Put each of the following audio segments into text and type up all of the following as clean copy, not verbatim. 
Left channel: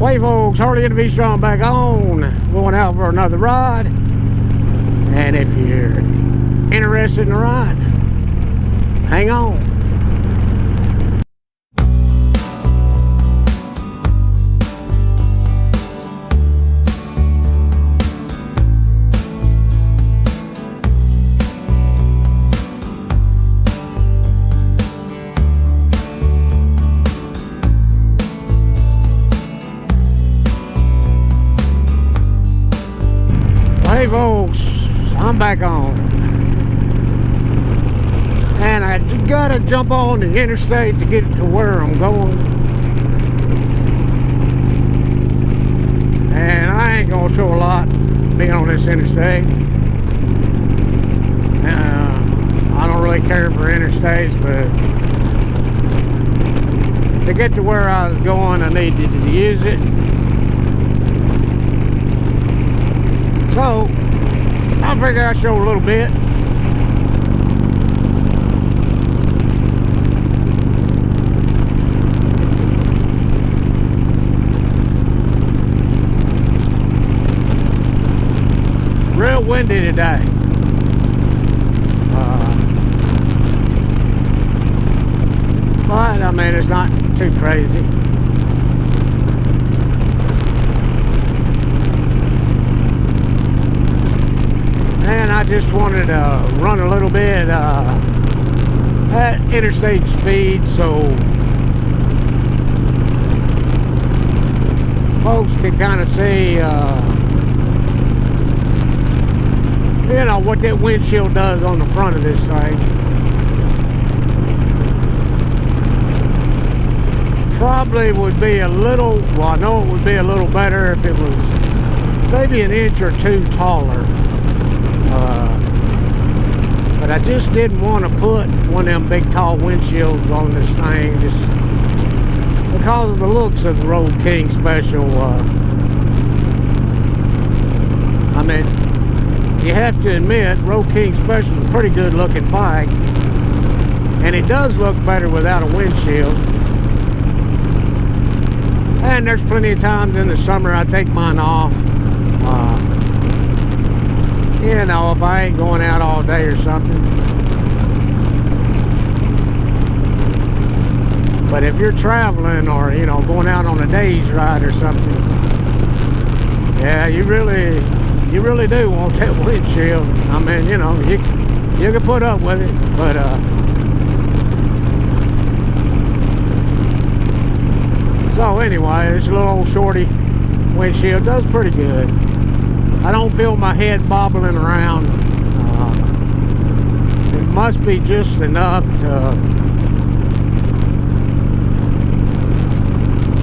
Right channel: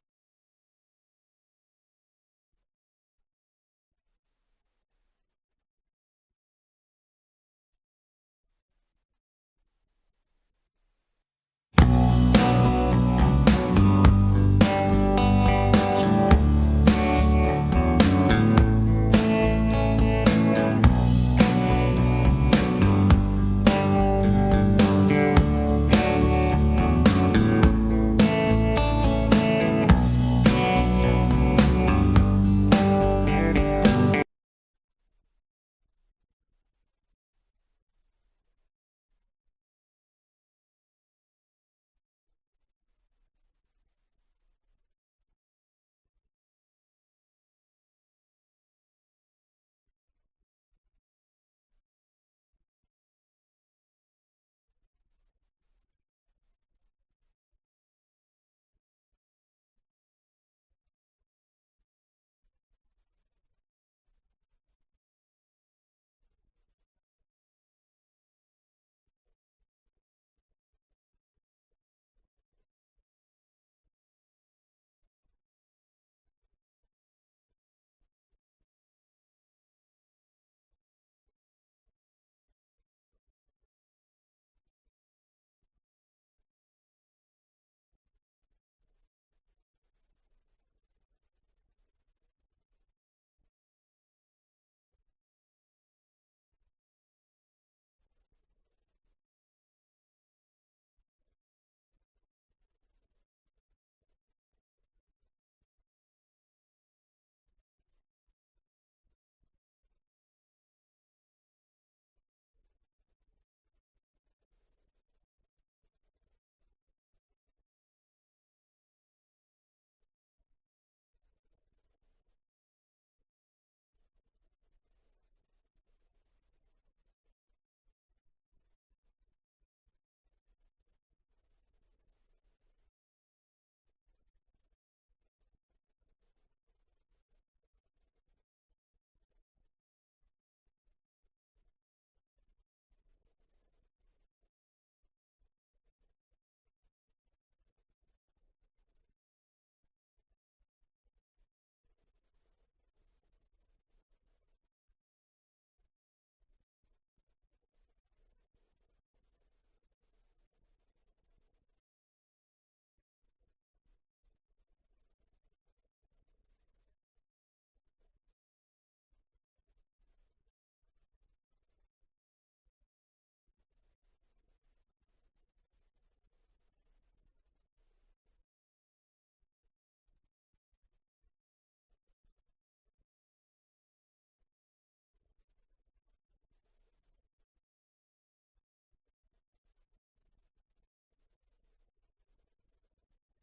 Hey folks, Harley and Vstrom back on, going out for another ride. And if you're interested in the ride, hang on. I'm back on, and I gotta jump on the interstate to get to where I'm going, and I ain't gonna show a lot being on this interstate. I don't really care for interstates, but to get to where I was going, I needed to use it. So I figure I'll show a little bit. Real windy today. But I mean, it's not too crazy. And I just wanted to run a little bit at interstate speed so folks can kind of see, you know, what that windshield does on the front of this thing. Probably would be a little, well, I know it would be a little better if it was maybe an inch or two taller. But I just didn't want to put one of them big tall windshields on this thing just because of the looks of the Road King Special. I mean, you have to admit, Road King Special is a pretty good looking bike, and it does look better without a windshield. And there's plenty of times in the summer I take mine off. You know, if I ain't going out all day or something. But if you're traveling or, you know, going out on a day's ride or something, yeah, you really do want that windshield. I mean, you know, you can put up with it, but so anyway, this little old shorty windshield does pretty good. I don't feel my head bobbling around. It must be just enough to,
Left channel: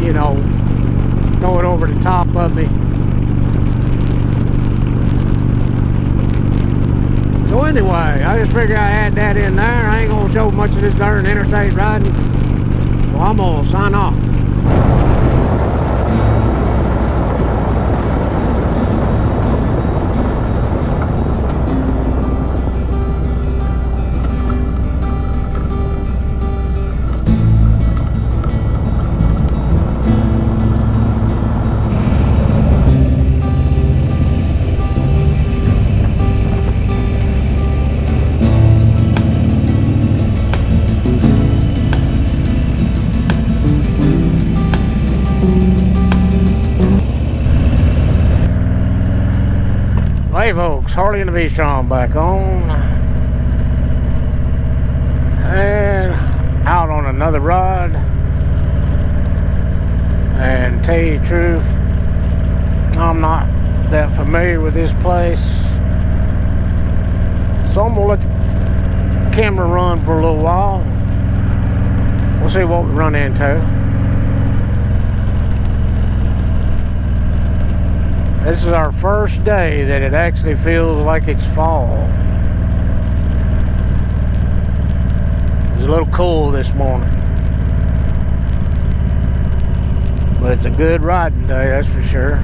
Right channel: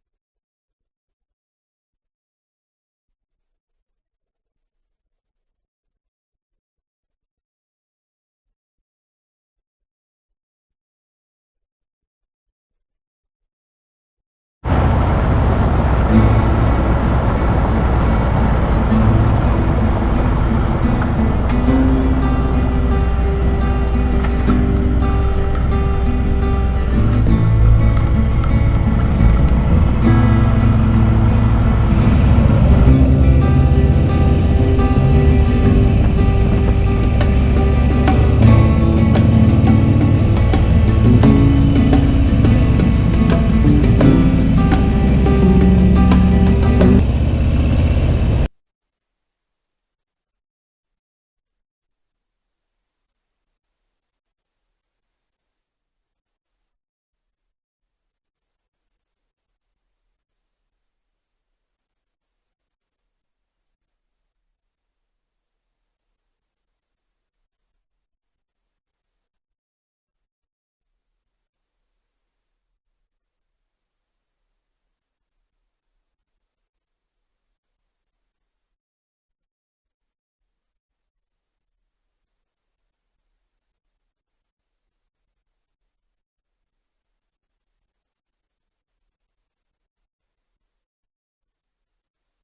you know, throw it over the top of me. So anyway, I just figured I had that in there. I ain't gonna show much of this darn interstate riding. So I'm gonna sign off. Hey folks, Harley and the Vstrom back on, and out on another ride. And tell you the truth, I'm not that familiar with this place, so I'm gonna let the camera run for a little while. We'll see what we run into. This is our first day that it actually feels like it's fall. It was a little cool this morning, but it's a good riding day, that's for sure.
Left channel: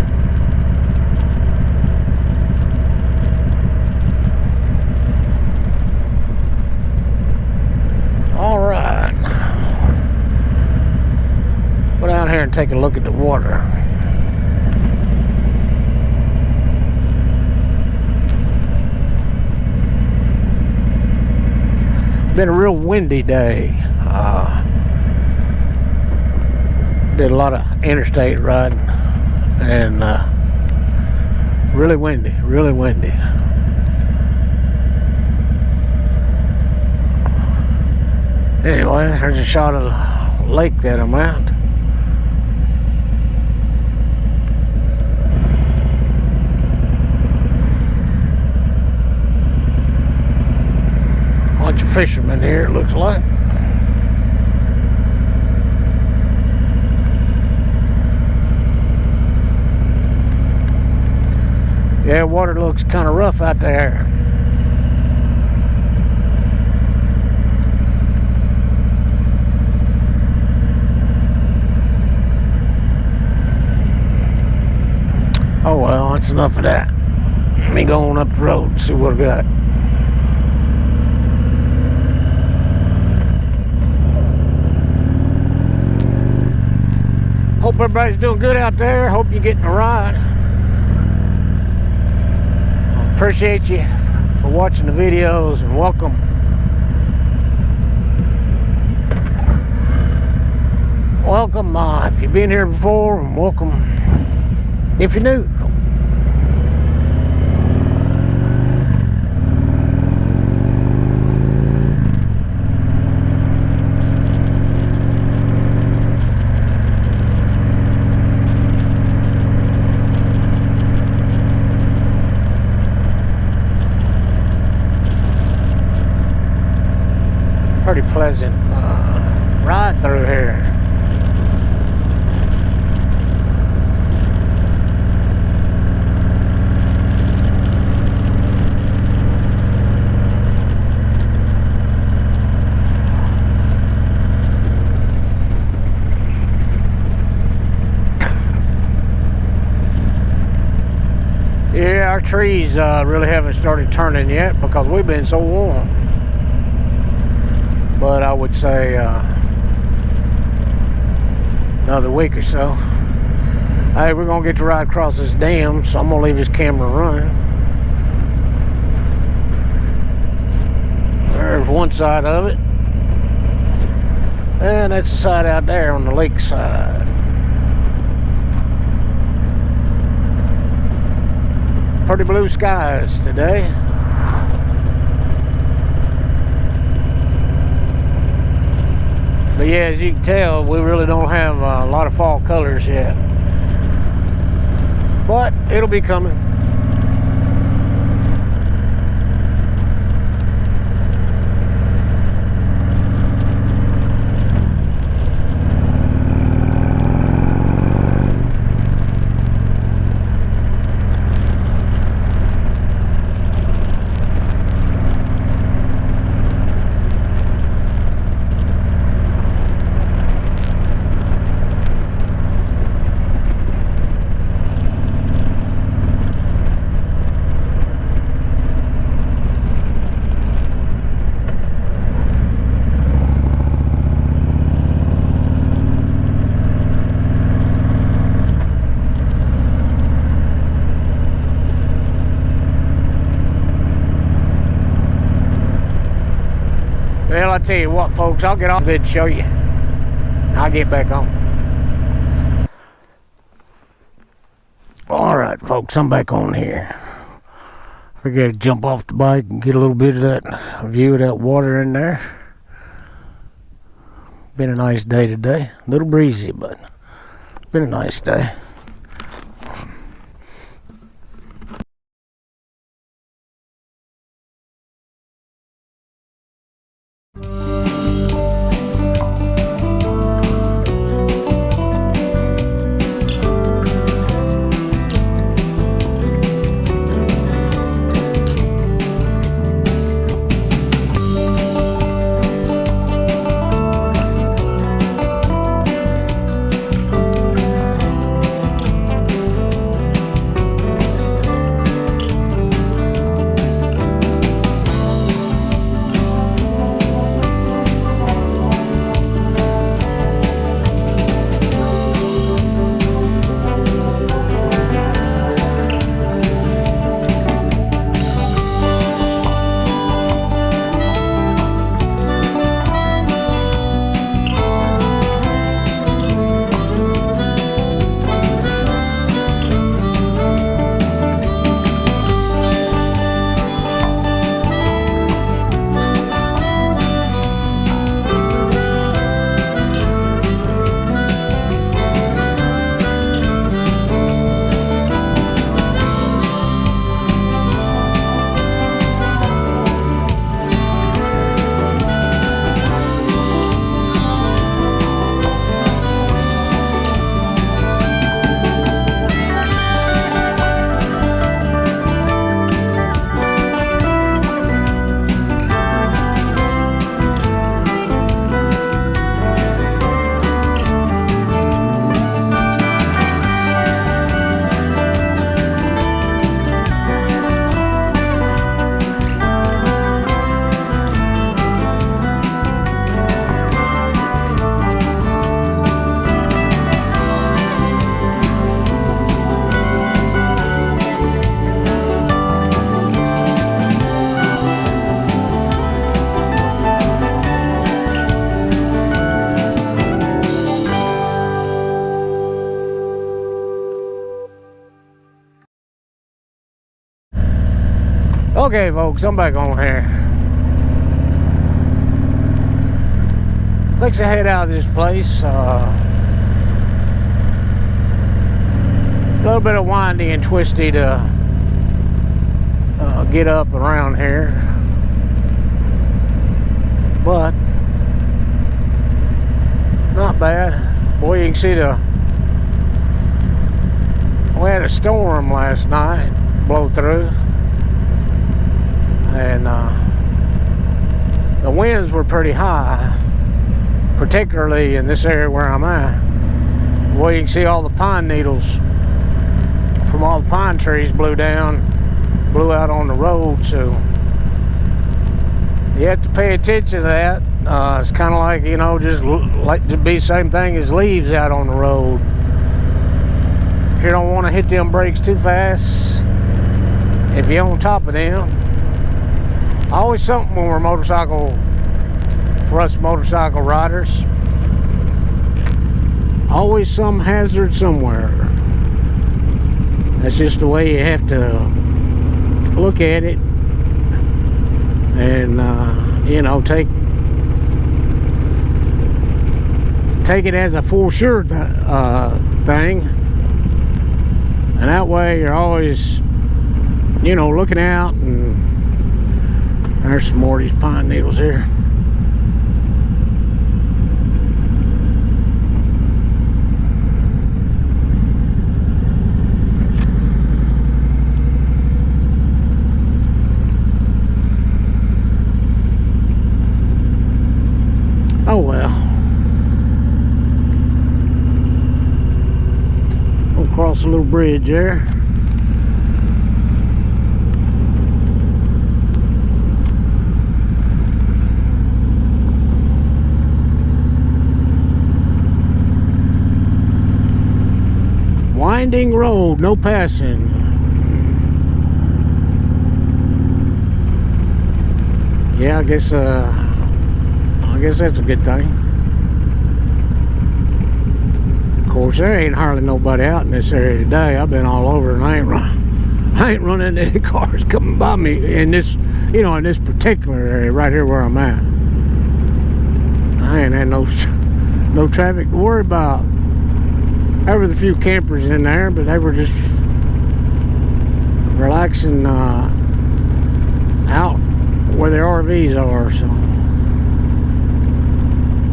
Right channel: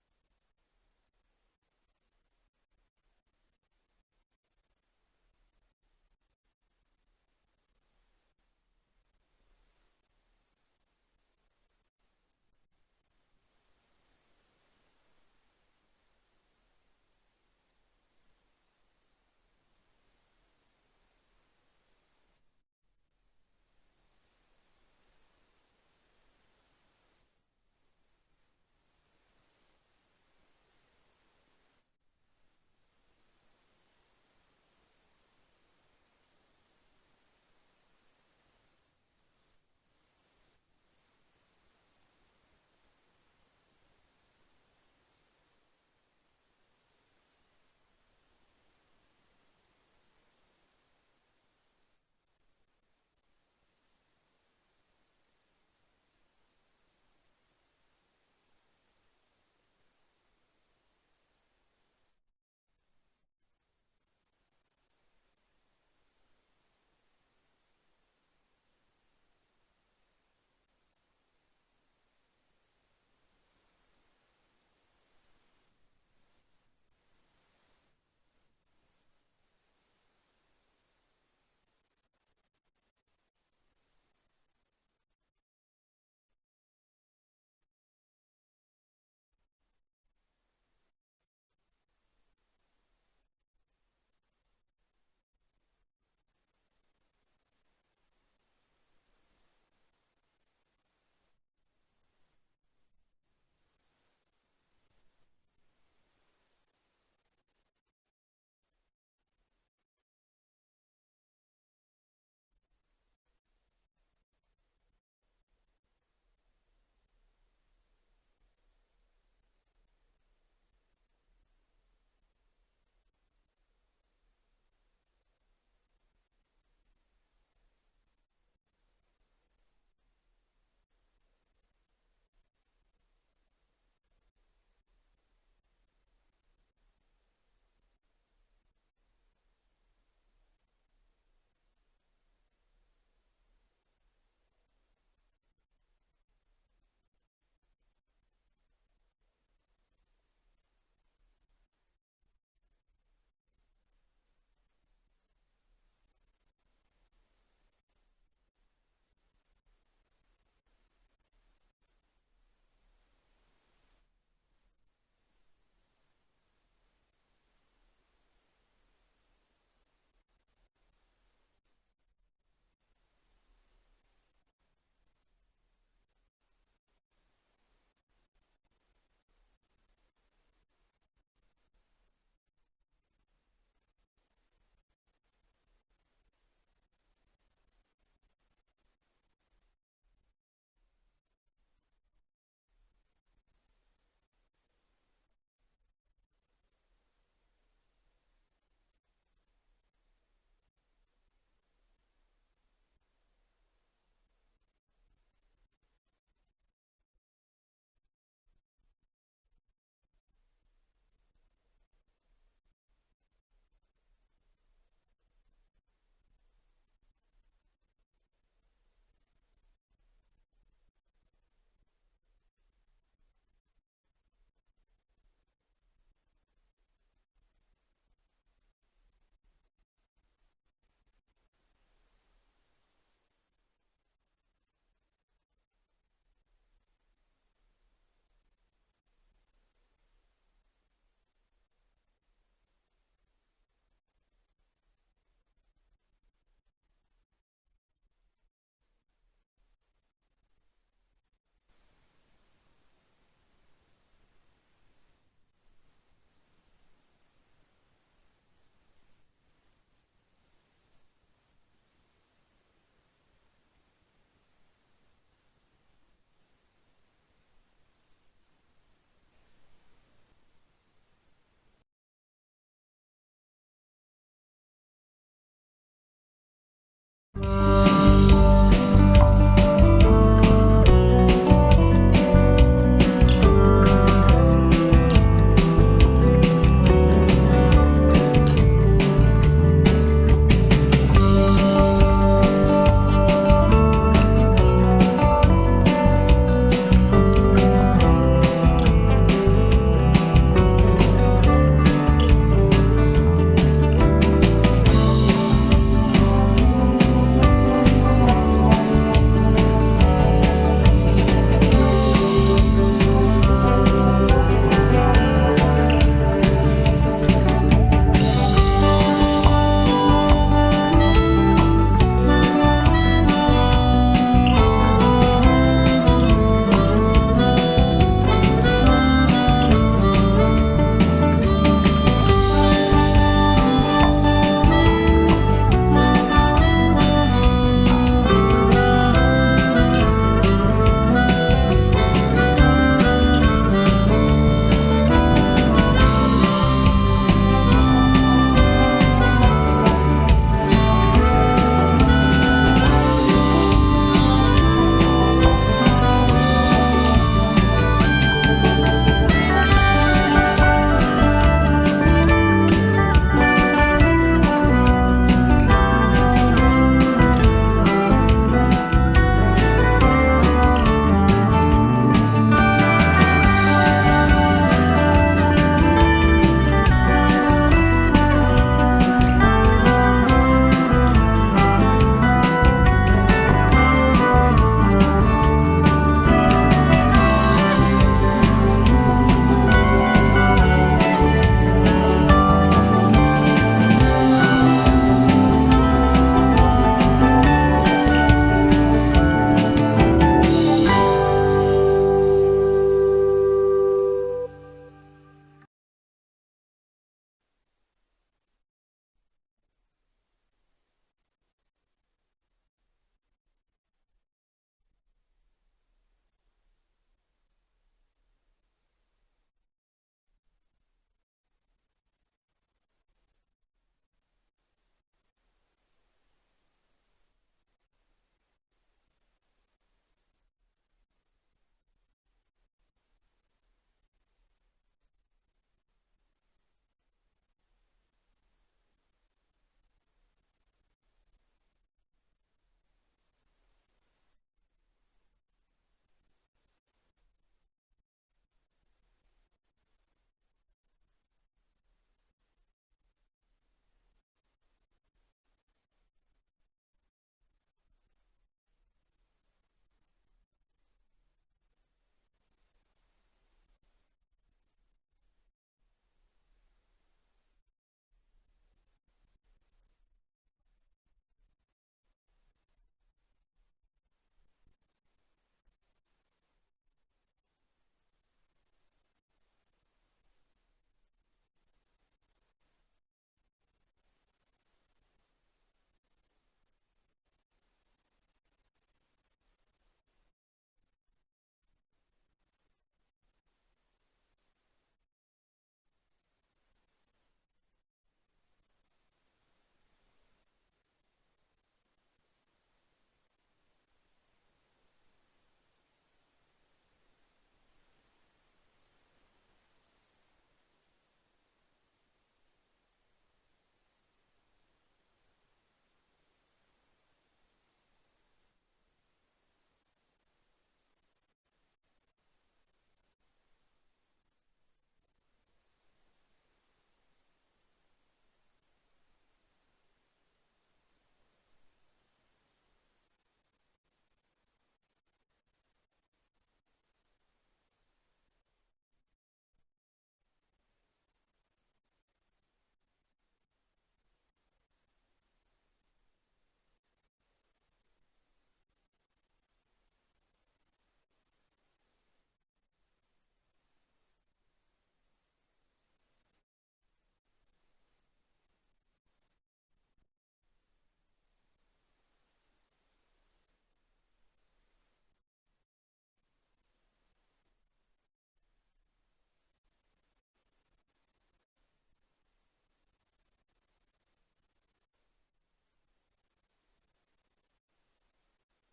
All right, go down here and take a look at the water. Been a real windy day. Did a lot of interstate riding, and really windy, really windy. Anyway, there's a shot of the lake that I'm at. Bunch of fishermen here, it looks like. Yeah, water looks kind of rough out there. Oh well, that's enough of that. Let me go on up the road and see what I got. Hope everybody's doing good out there. Hope you're getting a ride. Appreciate you for watching the videos, and welcome. Welcome if you've been here before, and welcome if you're new. Pretty pleasant ride through here. Yeah, our trees really haven't started turning yet because we've been so warm. But I would say another week or so. Hey, we're gonna get to ride across this dam, so I'm gonna leave this camera running. There's one side of it, and that's the side out there on the lake side. Pretty blue skies today. But yeah, as you can tell, we really don't have a lot of fall colors yet. But it'll be coming. Well, I tell you what, folks, I'll get off good to show you. I'll get back on. Alright, folks, I'm back on here. I gotta jump off the bike and get a little bit of that view of that water in there. Been a nice day today. A little breezy, but been a nice day. Okay, folks, I'm back on here. Let's head out of this place. A little bit of windy and twisty to get up around here, but not bad. Boy, you can see we had a storm last night blow through, and the winds were pretty high, particularly in this area where I'm at. Boy, you can see all the pine needles from all the pine trees blew out on the road, so you have to pay attention to that. It's kind of like, you know, just like to be the same thing as leaves out on the road. You don't want to hit them brakes too fast if you're on top of them. Always something when we're for us motorcycle riders. Always some hazard somewhere. That's just the way you have to look at it, and you know, take it as a for sure thing, and that way you're always, you know, looking out. And there's some more of these pine needles here. Oh well. We'll cross a little bridge there. Winding road, no passing. Yeah, I guess that's a good thing. Of course, there ain't hardly nobody out in this area today. I've been all over, and I ain't running into any cars coming by me in this, you know, in this particular area right here where I'm at. I ain't had no traffic to worry about. There was a few campers in there, but they were just relaxing out where their RVs are, so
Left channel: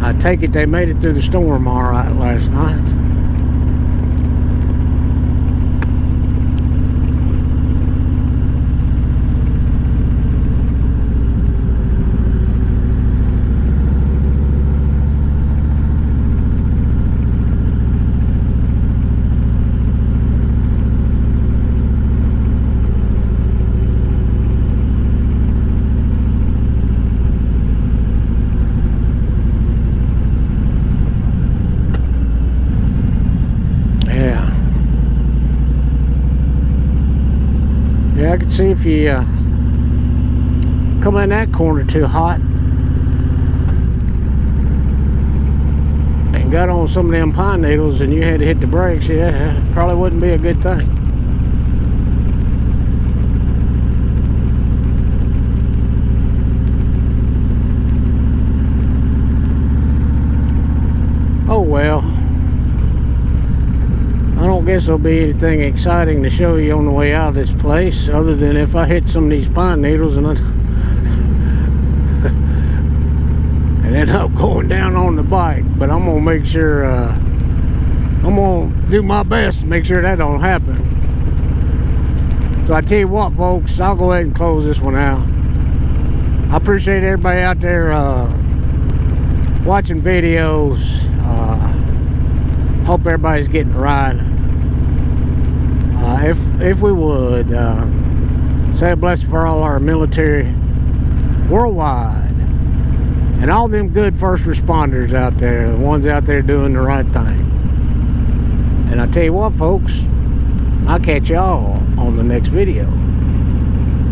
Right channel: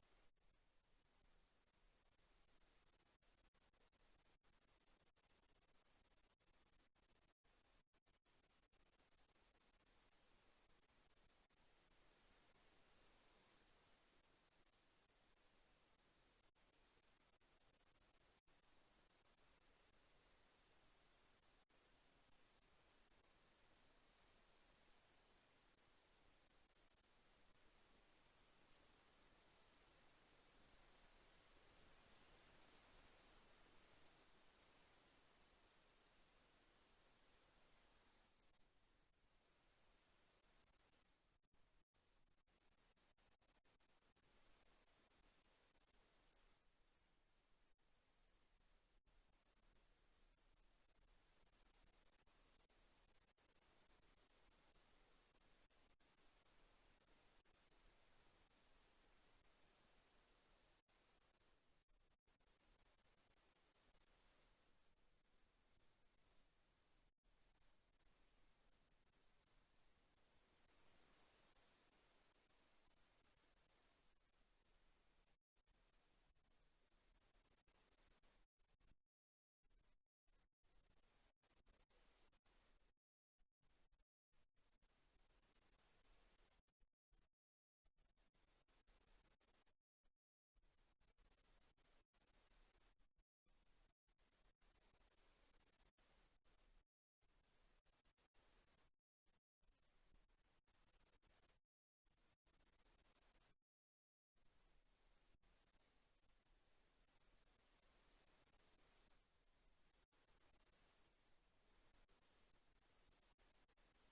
I take it they made it through the storm all right last night. Yeah, I can see if you come in that corner too hot and got on some of them pine needles and you had to hit the brakes, yeah, probably wouldn't be a good thing. Oh well. I don't guess there'll be anything exciting to show you on the way out of this place, other than if I hit some of these pine needles and end up going down on the bike. But I'm gonna make sure, I'm gonna do my best to make sure that don't happen. So I tell you what, folks, I'll go ahead and close this one out. I appreciate everybody out there watching videos. Hope everybody's getting a ride. If we would say a blessing for all our military worldwide and all them good first responders out there, the ones out there doing the right thing. And I tell you what, folks, I'll catch y'all on the next video.